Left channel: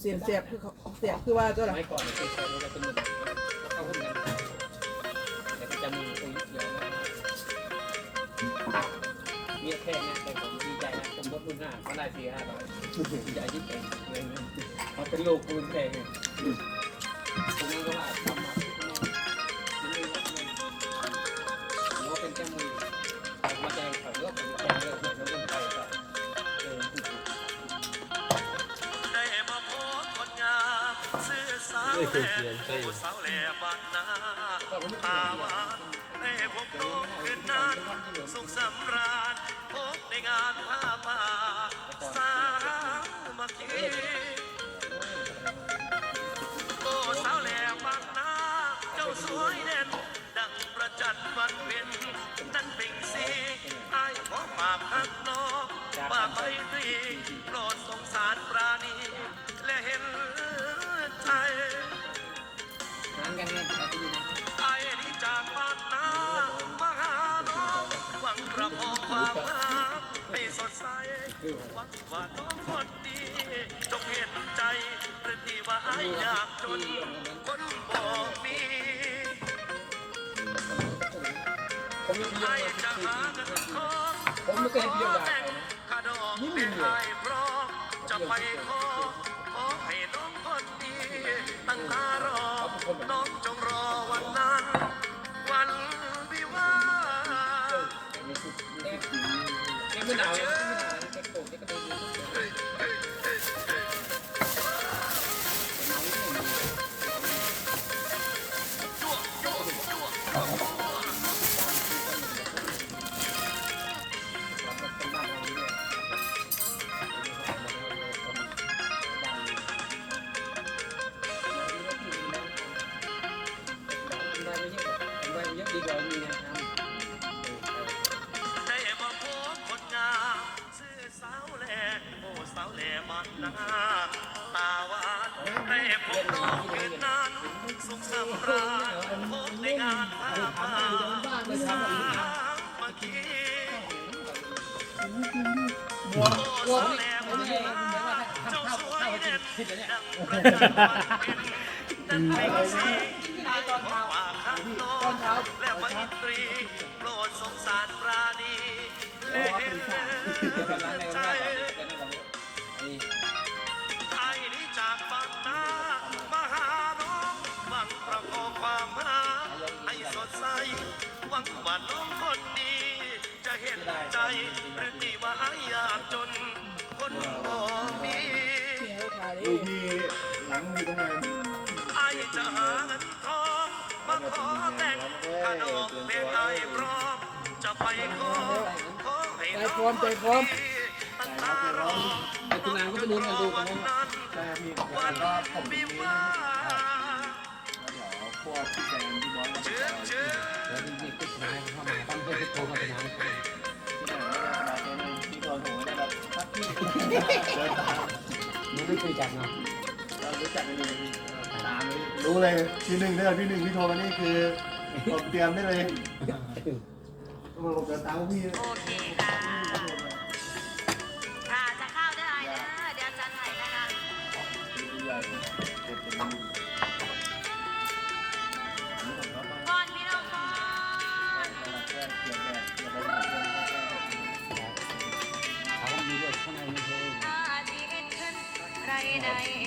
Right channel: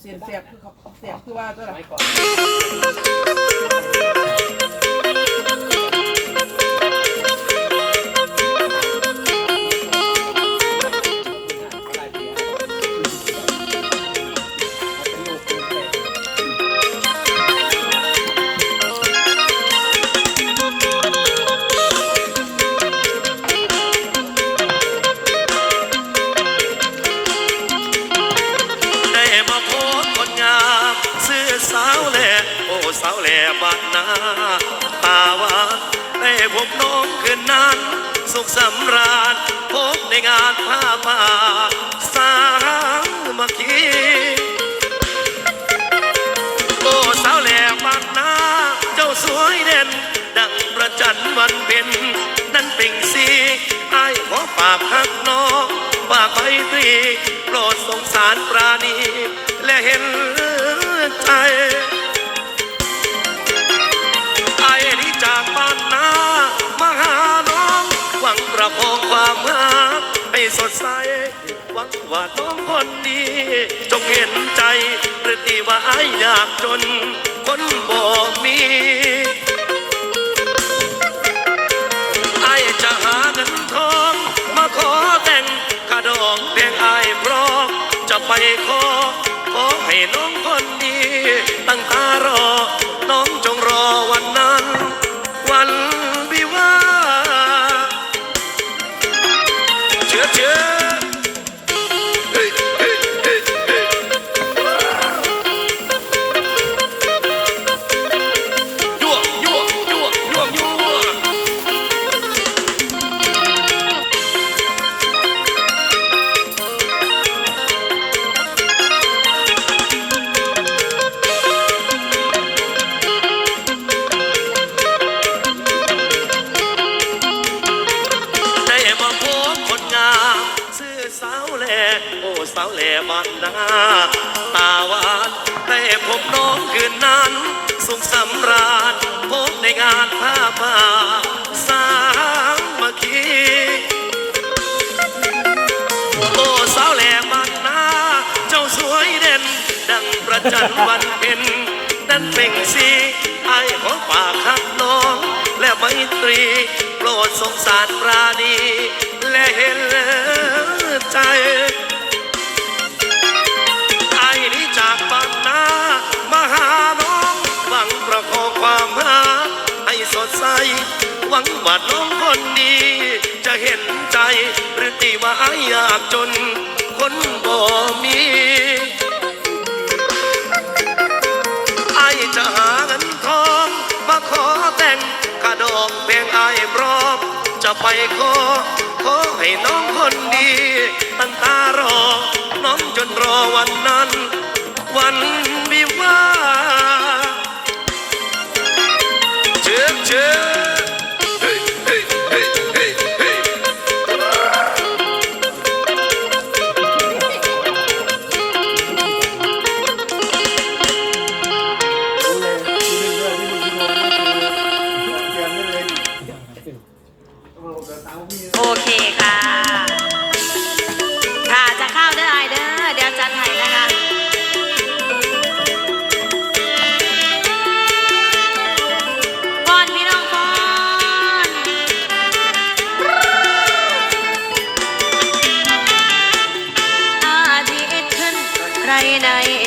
เสียงเสียบคือเขาเสียบคือว่าก็หรอไม่ก่อน แหล่โอ้สาวแหล่บ้านนาตาหวานได้พบน้องคืนนั้น สุขสำราญพบในงานผ้าป่าสามัคคีโอ้สาวแหล่บ้านนาเจ้าสวยเด่น ดังประจันวันเพ็ญนั่นเป่งสีไอ้ขอฝากฮักน้องฝากไมตรีโปรดสงสารปราณี ใสหวังว่าน้องคนดี จงเห็นใจหรือที่ว่าไอ้ยากจน คนบ่มีไอ้จะหาเงินทอง มาขอแต่งกระดองเพียงไอ้พร้อมจะไปขอ โอ้สาวแหล่บ้านนาตาหวานได้พบน้องคืนนั้น สุขสำราญพบในงานผ้าป่าสามัคคีโอ้สาวแหล่บ้านนาเจ้าสวยเด่น ดังประจันวันเพ็ญนั่นเป่งสีไอ้ของฝากข้างน้อง และไมตรี โปรดสงสารปราณีและเห็นใจ งว่าน้องคนดี จะเห็นใจหรือที่ว่าไอ้อยากจน คนบ่มีไอจะหาเงินทองมาขอแต่งกระดอกเพียงไอ้พร้อมจะไปขอขอให้น้องคนดีตั้งตารอ น้องจนรอวันนั้น โอเคค่ะ ค่ะจะเข้าได้อายเด้อเดี๋ยวจัดให้นะคะก่นใน